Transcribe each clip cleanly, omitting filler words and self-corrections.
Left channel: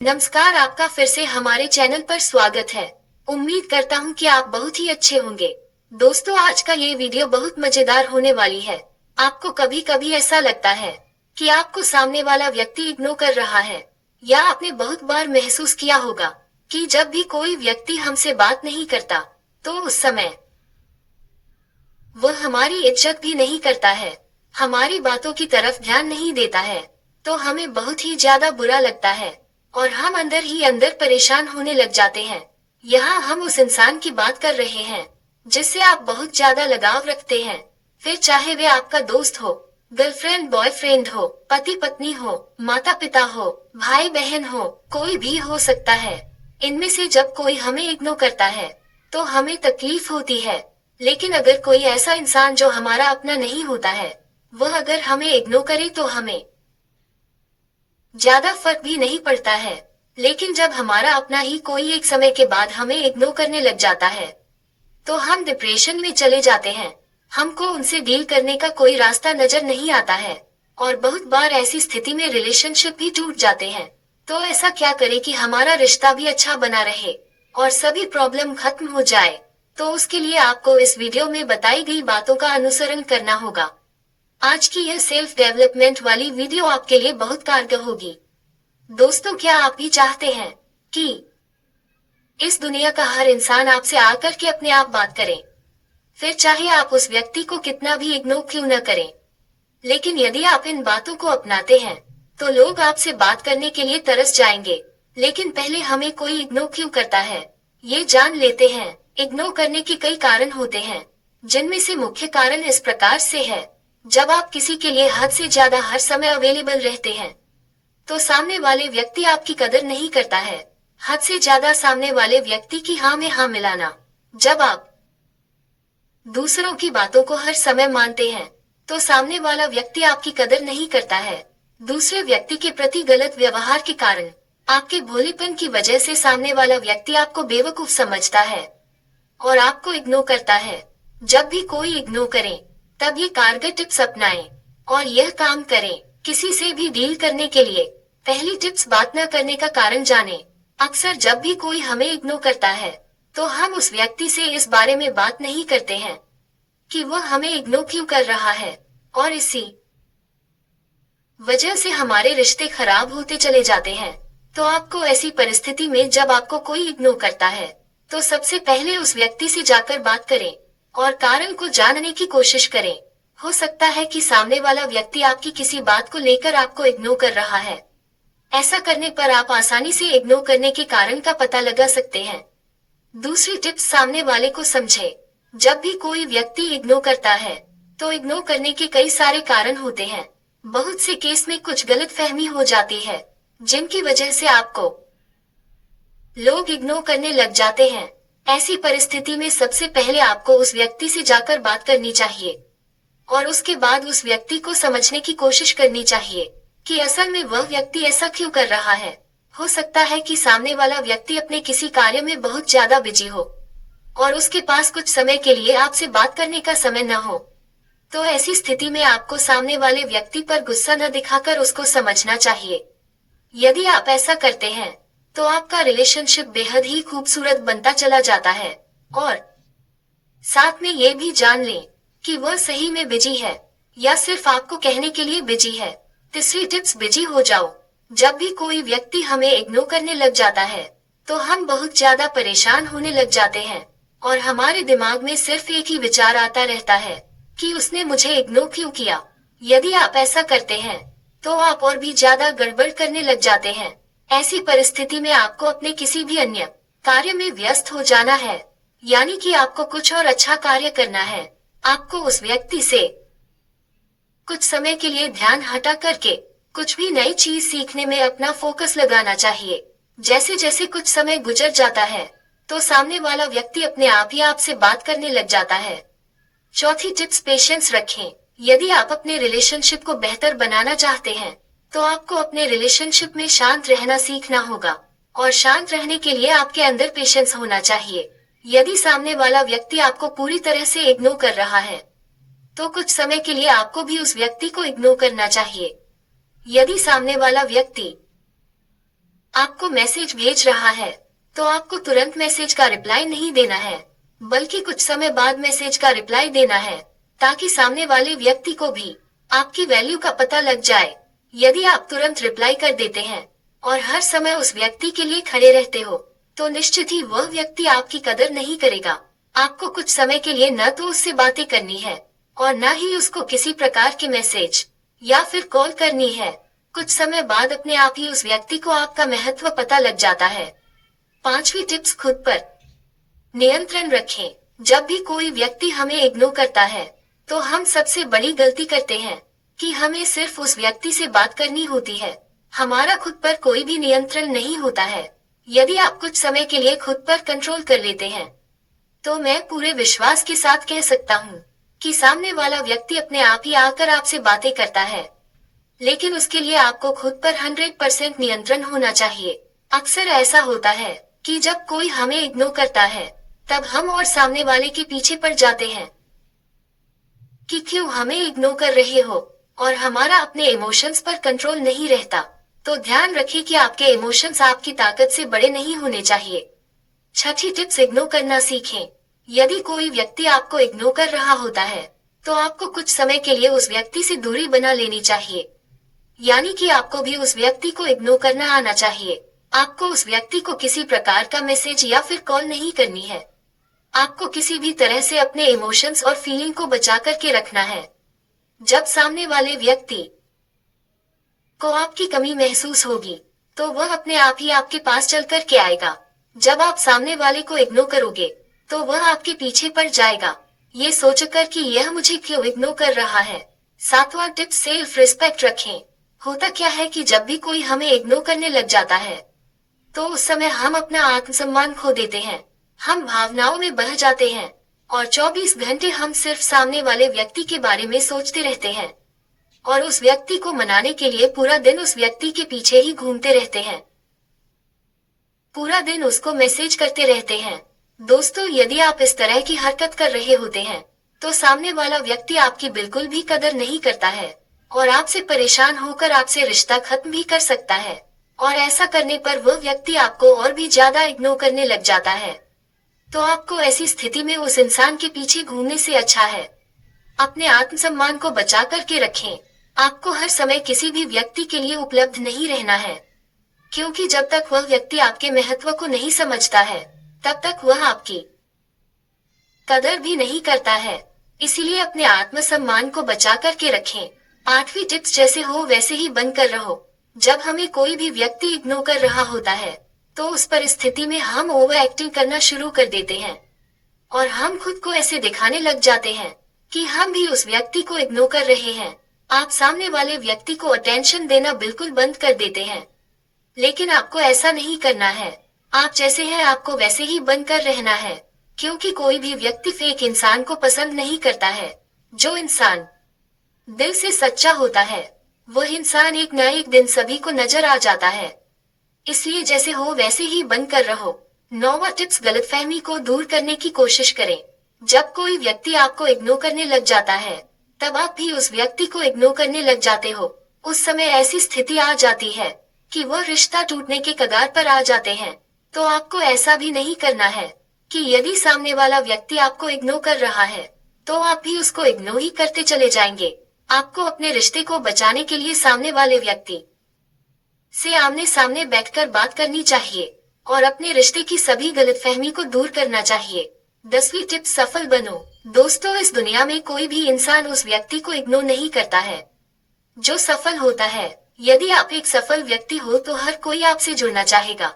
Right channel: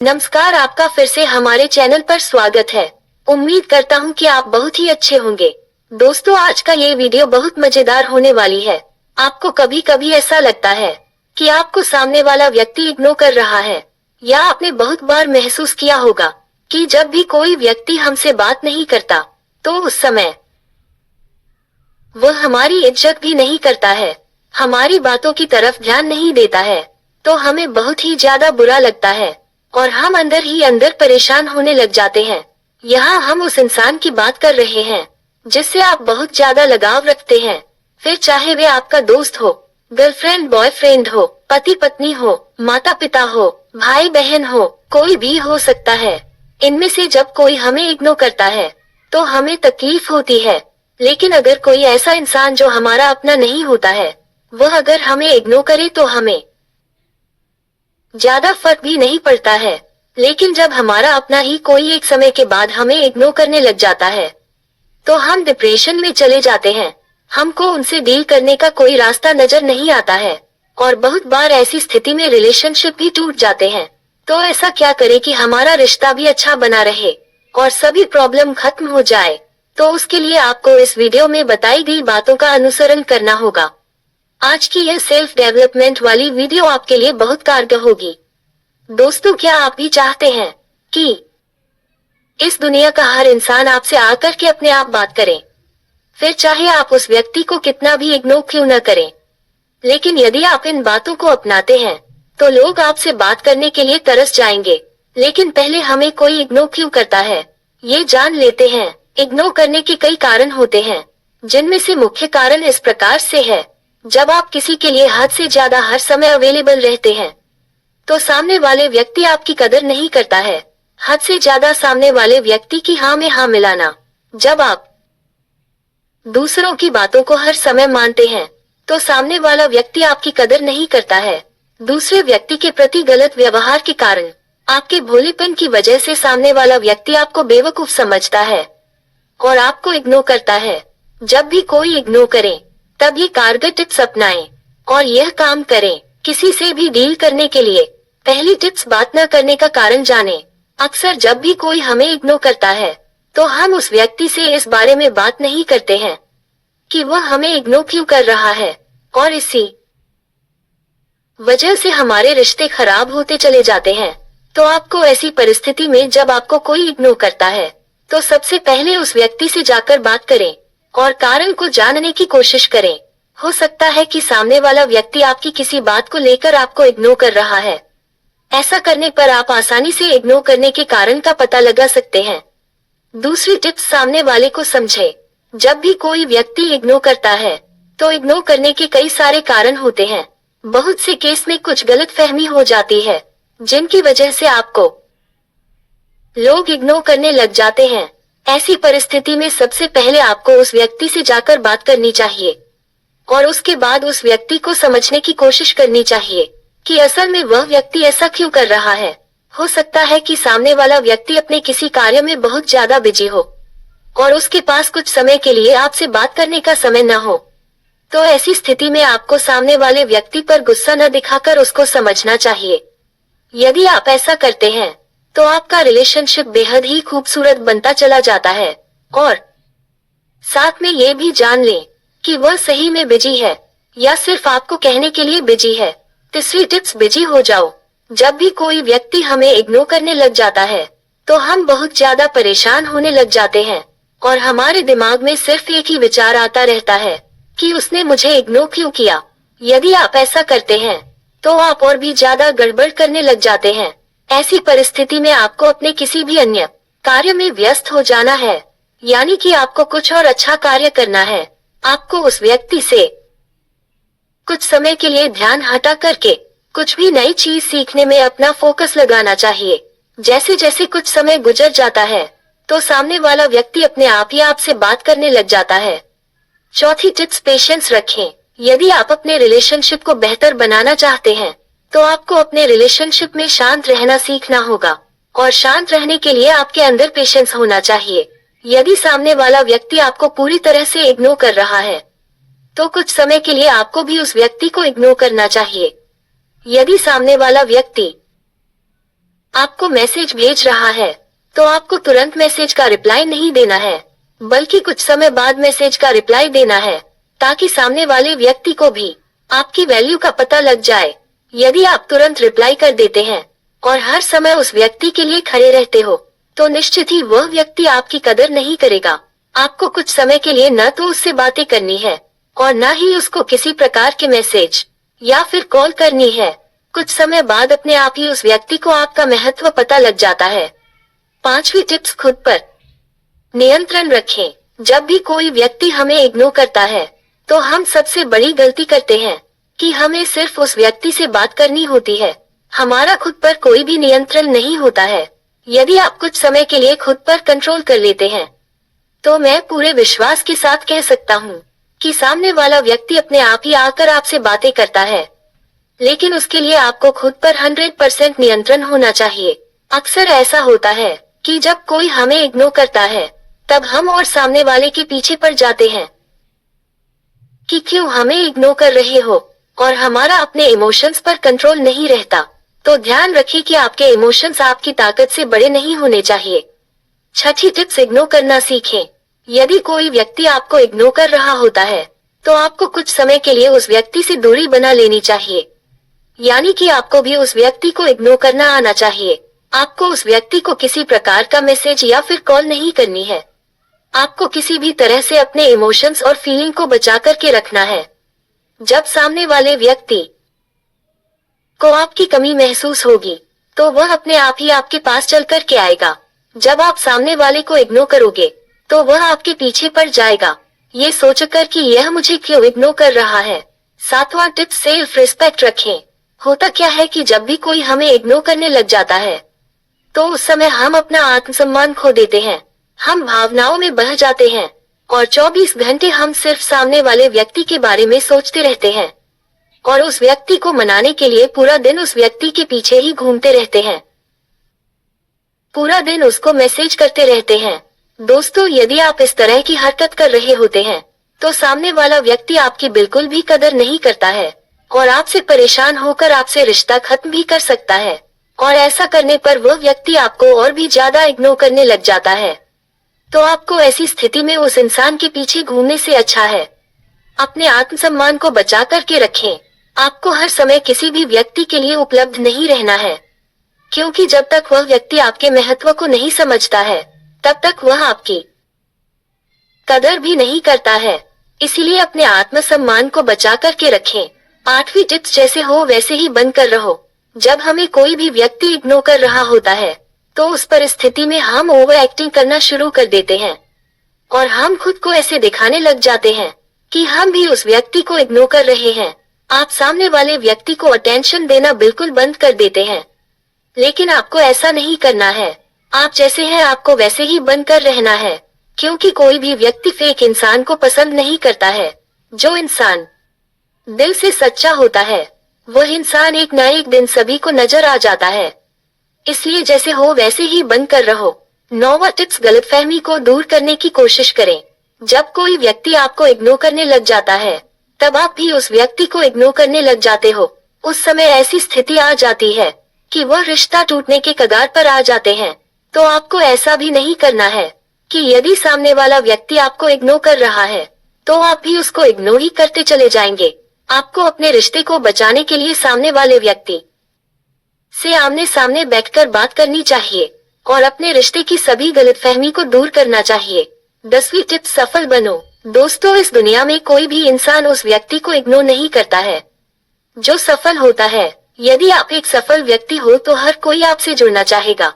नमस्कार, आपका फिर से हमारे चैनल पर स्वागत है। उम्मीद करता हूँ कि आप बहुत ही अच्छे होंगे। दोस्तों, आज का ये वीडियो बहुत मजेदार होने वाली है। आपको कभी कभी ऐसा लगता है कि आपको सामने वाला व्यक्ति इग्नोर कर रहा है, या आपने बहुत बार महसूस किया होगा कि जब भी कोई व्यक्ति हमसे बात नहीं करता तो उस समय वह हमारी इज्जत भी नहीं करता है, हमारी बातों की तरफ ध्यान नहीं देता है, तो हमें बहुत ही ज्यादा बुरा लगता है और हम अंदर ही अंदर परेशान होने लग जाते हैं। यहाँ हम उस इंसान की बात कर रहे हैं जिससे आप बहुत ज्यादा लगाव रखते हैं, फिर चाहे वे आपका दोस्त हो, गर्लफ्रेंड बॉयफ्रेंड हो, पति पत्नी हो, माता पिता हो, भाई बहन हो, कोई भी हो सकता है। इनमें से जब कोई हमें इग्नोर करता है तो हमें तकलीफ होती है, लेकिन अगर कोई ऐसा इंसान जो हमारा अपना नहीं होता है, वह अगर हमें इग्नोर करे तो हमें ज्यादा फर्क भी नहीं पड़ता है। लेकिन जब हमारा अपना ही कोई एक समय के बाद हमें इग्नोर करने लग जाता है तो हम डिप्रेशन में चले जाते हैं। हमको उनसे डील करने का कोई रास्ता नजर नहीं आता है और बहुत बार ऐसी स्थिति में रिलेशनशिप भी टूट जाते हैं। तो ऐसा क्या करें कि हमारा रिश्ता भी अच्छा बना रहे और सभी प्रॉब्लम खत्म हो जाए? तो उसके लिए आपको इस वीडियो में बताई गई बातों का अनुसरण करना होगा। आज की यह सेल्फ डेवलपमेंट वाली वीडियो आपके लिए बहुत कारगर होगी। दोस्तों, क्या आप भी चाहते हैं कि इस दुनिया का हर इंसान आपसे आकर के अपने आप बात करे, फिर चाहे आप उस व्यक्ति को कितना भी इग्नोर क्यों न करें? लेकिन यदि आप इन बातों को अपनाते हैं तो लोग आपसे बात करने के लिए तरस जाएंगे। लेकिन पहले हमें कोई इग्नोर क्यों करता है, ये जान लेते हैं। इग्नोर करने के कई कारण होते हैं, जिनमें से मुख्य कारण इस प्रकार से है। जब आप किसी के लिए हद से ज्यादा हर समय अवेलेबल रहते हैं तो सामने वाले व्यक्ति आपकी कदर नहीं करता है। हद से ज्यादा सामने वाले व्यक्ति की हाँ में हाँ मिलाना। जब आप दूसरों की बातों को हर समय मानते हैं तो सामने वाला व्यक्ति आपकी कदर नहीं करता है। दूसरे व्यक्ति के प्रति गलत व्यवहार के कारण आपके भोलेपन की वजह से सामने वाला व्यक्ति आपको बेवकूफ समझता है और आपको इग्नोर करता है। जब भी कोई इग्नोर करे तब ये कारगर टिप्स अपनाएं और यह काम करें। किसी से भी डील करने के लिए पहली टिप्स, बात न करने का कारण जानें। अक्सर जब भी कोई हमें इग्नोर करता है तो हम उस व्यक्ति से इस बारे में बात नहीं करते हैं कि वह हमें इग्नोर क्यों कर रहा है, और इसी वजह से हमारे रिश्ते खराब होते चले जाते हैं। तो आपको ऐसी परिस्थिति में जब आपको कोई इग्नोर करता है तो सबसे पहले उस व्यक्ति से जाकर बात करें और कारण को जानने की कोशिश करें। हो सकता है कि सामने वाला व्यक्ति आपकी किसी बात को लेकर आपको इग्नोर कर रहा है। ऐसा करने पर आप आसानी से इग्नोर करने के कारण का पता लगा सकते हैं। दूसरी टिप्स, सामने वाले को समझे। जब भी कोई व्यक्ति इग्नोर करता है तो इग्नोर करने के कई सारे कारण होते हैं। बहुत से केस में कुछ गलतफहमी हो जाती है जिनकी वजह से आपको लोग इग्नोर करने लग जाते हैं। ऐसी परिस्थिति में सबसे पहले आपको उस व्यक्ति से जाकर बात करनी चाहिए और उसके बाद उस व्यक्ति को समझने की कोशिश करनी चाहिए कि असल में वह व्यक्ति ऐसा क्यों कर रहा है। हो सकता है कि सामने वाला व्यक्ति अपने किसी कार्य में बहुत ज्यादा बिजी हो और उसके पास कुछ समय के लिए आपसे बात करने का समय न हो। तो ऐसी स्थिति में आपको सामने वाले व्यक्ति पर गुस्सा न दिखाकर उसको समझना चाहिए। यदि आप ऐसा करते हैं तो आपका रिलेशनशिप बेहद ही खूबसूरत बनता चला जाता है और साथ में ये भी जान लें कि वह सही में बिजी है या सिर्फ आपको कहने के लिए बिजी है। तीसरी टिप्स, बिजी हो जाओ। जब भी कोई व्यक्ति हमें इग्नोर करने लग जाता है तो हम बहुत ज्यादा परेशान होने लग जाते हैं और हमारे दिमाग में सिर्फ एक ही विचार आता रहता है कि उसने मुझे इग्नोर क्यों किया। यदि आप ऐसा करते हैं तो आप और भी ज्यादा गड़बड़ करने लग जाते हैं। ऐसी परिस्थिति में आपको अपने किसी भी अन्य कार्य में व्यस्त हो जाना है, यानी कि आपको कुछ और अच्छा कार्य करना है। आपको उस व्यक्ति से कुछ समय के लिए ध्यान हटा करके कुछ भी नई चीज सीखने में अपना फोकस लगाना चाहिए। जैसे जैसे कुछ समय गुजर जाता है तो सामने वाला व्यक्ति अपने आप ही आपसे बात करने लग जाता है। चौथी टिप्स, पेशेंस रखें। यदि आप अपने रिलेशनशिप को बेहतर बनाना चाहते हैं तो आपको अपने रिलेशनशिप में शांत रहना सीखना होगा और शांत रहने के लिए आपके अंदर पेशेंस होना चाहिए। यदि सामने वाला व्यक्ति आपको पूरी तरह से इग्नोर कर रहा है तो कुछ समय के लिए आपको भी उस व्यक्ति को इग्नोर करना चाहिए। यदि सामने वाला व्यक्ति आपको मैसेज भेज रहा है, तो आपको तुरंत मैसेज का रिप्लाई नहीं देना है, बल्कि कुछ समय बाद मैसेज का रिप्लाई देना है, ताकि सामने वाले व्यक्ति को भी आपकी वैल्यू का पता लग जाए। यदि आप तुरंत रिप्लाई कर देते हैं और हर समय उस व्यक्ति के लिए खड़े रहते हो, तो निश्चित ही वह व्यक्ति आपकी कदर नहीं करेगा। आपको कुछ समय के लिए न तो उससे बातें करनी है और न ही उसको किसी प्रकार के मैसेज या फिर कॉल करनी है। कुछ समय बाद अपने आप ही उस व्यक्ति को आपका महत्व पता लग जाता है। 5वीं टिप्स, खुद पर नियंत्रण रखें। जब भी कोई व्यक्ति हमें इग्नोर करता है, तो हम सबसे बड़ी गलती करते हैं कि हमें सिर्फ उस व्यक्ति से बात करनी होती है। हमारा खुद पर कोई भी नियंत्रण नहीं होता है। यदि आप कुछ समय के लिए खुद पर कंट्रोल कर लेते हैं, तो मैं पूरे विश्वास के साथ कह सकता हूँ कि सामने वाला व्यक्ति अपने आप ही आकर आपसे बातें करता है। लेकिन उसके लिए आपको खुद पर 100% नियंत्रण होना चाहिए। अक्सर ऐसा होता है कि जब कोई हमें इग्नोर करता है, तब हम और सामने वाले के पीछे पड़ जाते हैं कि क्यों हमें इग्नोर कर रहे हो, और हमारा अपने इमोशंस पर कंट्रोल नहीं रहता। तो ध्यान रखें कि आपके इमोशंस आपकी ताकत से बड़े नहीं होने चाहिए। 6ठी टिप्स, इग्नोर करना सीखें। यदि कोई व्यक्ति आपको इग्नोर कर रहा होता है, तो आपको कुछ समय के लिए उस व्यक्ति से दूरी बना लेनी चाहिए। यानी कि आपको भी उस व्यक्ति को इग्नोर करना आना चाहिए। आपको उस व्यक्ति को किसी प्रकार का मैसेज या फिर कॉल नहीं करनी है। आपको किसी भी तरह से अपने इमोशंस और फीलिंग को बचा करके रखना है। जब सामने वाले व्यक्ति को आपकी कमी महसूस होगी, तो वह अपने आप ही आपके पास चल कर के आएगा। जब आप सामने वाले को इग्नोर करोगे, तो वह आपके पीछे पड़ जाएगा, ये सोचकर कि यह मुझे क्यों इग्नोर कर रहा है। 7वां टिप्स, सेल्फ रिस्पेक्ट रखें। होता क्या है कि जब भी कोई हमें इग्नोर करने लग जाता है, तो उस समय हम अपना आत्मसम्मान खो देते हैं। हम भावनाओं में बह जाते हैं और 24 घंटे हम सिर्फ सामने वाले व्यक्ति के बारे में सोचते रहते हैं और उस व्यक्ति को मनाने के लिए पूरा दिन उस व्यक्ति के पीछे ही घूमते रहते हैं। पूरा दिन उसको मैसेज करते रहते हैं। दोस्तों, यदि आप इस तरह की हरकत कर रहे होते हैं, तो सामने वाला व्यक्ति आपकी बिल्कुल भी कदर नहीं करता है और आपसे परेशान होकर आपसे रिश्ता खत्म भी कर सकता है। और ऐसा करने पर वह व्यक्ति आपको और भी ज्यादा इग्नोर करने लग जाता है। तो आपको ऐसी स्थिति में उस इंसान के पीछे घूमने से अच्छा है अपने आत्मसम्मान को बचा करके रखें। आपको हर समय किसी भी व्यक्ति के लिए उपलब्ध नहीं रहना है, क्योंकि जब तक वह व्यक्ति आपके महत्व को नहीं समझता है, तब तक वह आपकी कदर भी नहीं करता है। इसीलिए अपने आत्मसम्मान को बचा करके रखें। 8वीं टिप्स, जैसे हो वैसे ही बनकर रहो। जब हमें कोई भी व्यक्ति इग्नोर कर रहा होता है, तो उस परिस्थिति में हम ओवर एक्टिंग करना शुरू कर देते हैं और हम खुद को ऐसे दिखाने लग जाते हैं कि हम भी उस व्यक्ति को इग्नोर कर रहे हैं। आप सामने वाले व्यक्ति को अटेंशन देना बिल्कुल बंद कर देते हैं, लेकिन आपको ऐसा नहीं करना है। आप जैसे हैं आपको वैसे ही बनकर रहना है, क्योंकि कोई भी व्यक्ति फेक इंसान को पसंद नहीं करता है। जो इंसान दिल से सच्चा होता है, वह इंसान एक न एक दिन सभी को नजर आ जाता है। इसलिए जैसे हो वैसे ही बनकर रहो। 9वां टिप्स, गलतफहमी को दूर करने की कोशिश करें। जब कोई व्यक्ति आपको इग्नोर करने लग जाता है, तब आप भी उस व्यक्ति को इग्नोर करने लग जाते हो। उस समय ऐसी स्थिति आ जाती है कि वह रिश्ता टूटने के कगार पर आ जाते हैं। तो आपको ऐसा भी नहीं करना है कि यदि सामने वाला व्यक्ति आपको इग्नोर कर रहा है, तो आप भी उसको इग्नोर ही करते चले जाएंगे। आपको अपने रिश्ते को बचाने के लिए सामने वाले व्यक्ति से आमने सामने बैठकर बात करनी चाहिए और अपने रिश्ते की सभी गलतफहमी को दूर करना चाहिए। 10वीं टिप, सफल बनो। दोस्तों, इस दुनिया में कोई भी इंसान उस व्यक्ति को इग्नोर नहीं करता है जो सफल होता है। यदि आप एक सफल व्यक्ति हो, तो हर कोई आपसे जुड़ना चाहेगा,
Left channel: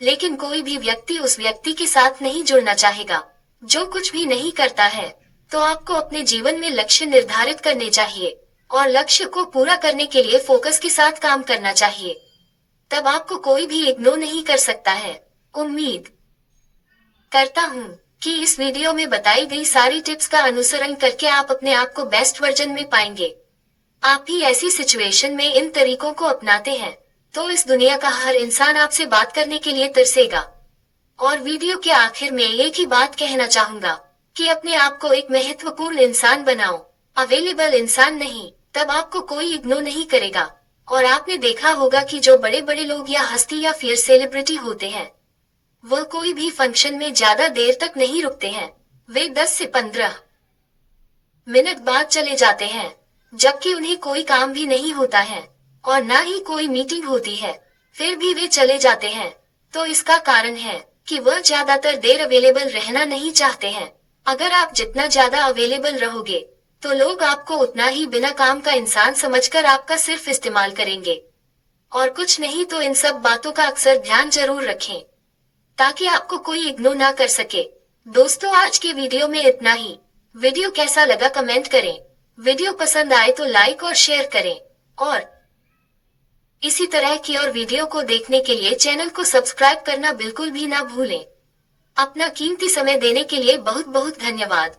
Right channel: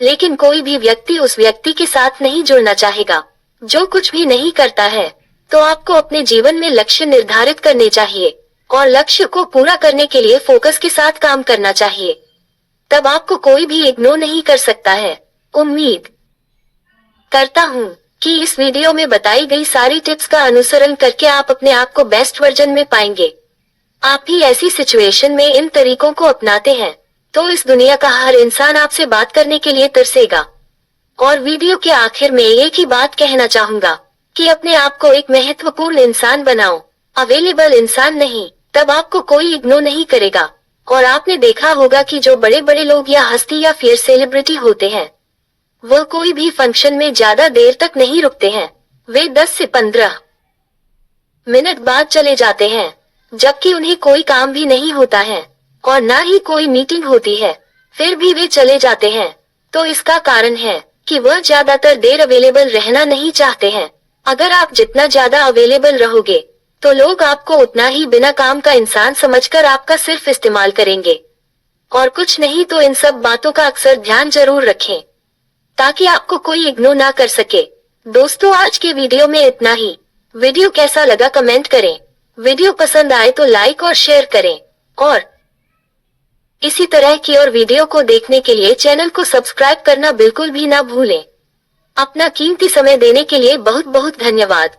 लेकिन कोई भी व्यक्ति उस व्यक्ति के साथ नहीं जुड़ना चाहेगा जो कुछ भी नहीं करता है। तो आपको अपने जीवन में लक्ष्य निर्धारित करने चाहिए और लक्ष्य को पूरा करने के लिए फोकस के साथ काम करना चाहिए। तब आपको कोई भी इग्नोर नहीं कर सकता है। उम्मीद करता हूँ कि इस वीडियो में बताई गई सारी टिप्स का अनुसरण करके आप अपने आप को बेस्ट वर्जन में पाएंगे। आप भी ऐसी सिचुएशन में इन तरीकों को अपनाते हैं, तो इस दुनिया का हर इंसान आपसे बात करने के लिए तरसेगा। और वीडियो के आखिर में एक ही बात कहना चाहूंगा कि अपने आप को एक महत्वपूर्ण इंसान बनाओ, अवेलेबल इंसान नहीं। तब आपको कोई इग्नोर नहीं करेगा और आपने देखा होगा कि जो बड़े बड़े लोग या हस्ती या फिर सेलिब्रिटी होते हैं, वह कोई भी फंक्शन में ज्यादा देर तक नहीं रुकते हैं। वे 10 से 15 मिनट बाद चले जाते हैं, जबकि उन्हें कोई काम भी नहीं होता है और ना ही कोई मीटिंग होती है, फिर भी वे चले जाते हैं। तो इसका कारण है कि वह ज्यादातर देर अवेलेबल रहना नहीं चाहते हैं। अगर आप जितना ज्यादा अवेलेबल रहोगे, तो लोग आपको उतना ही बिना काम का इंसान समझकर आपका सिर्फ इस्तेमाल करेंगे। और कुछ नहीं तो इन सब बातों का अक्सर ध्यान जरूर रखें, ताकि आपको कोई इग्नोर ना कर सके। दोस्तों, आज के वीडियो में इतना ही। वीडियो कैसा लगा कमेंट करें। वीडियो पसंद आए तो लाइक और शेयर करें, और इसी तरह की और वीडियो को देखने के लिए चैनल को सब्सक्राइब करना बिल्कुल भी ना भूलें। अपना कीमती समय देने के लिए बहुत बहुत धन्यवाद।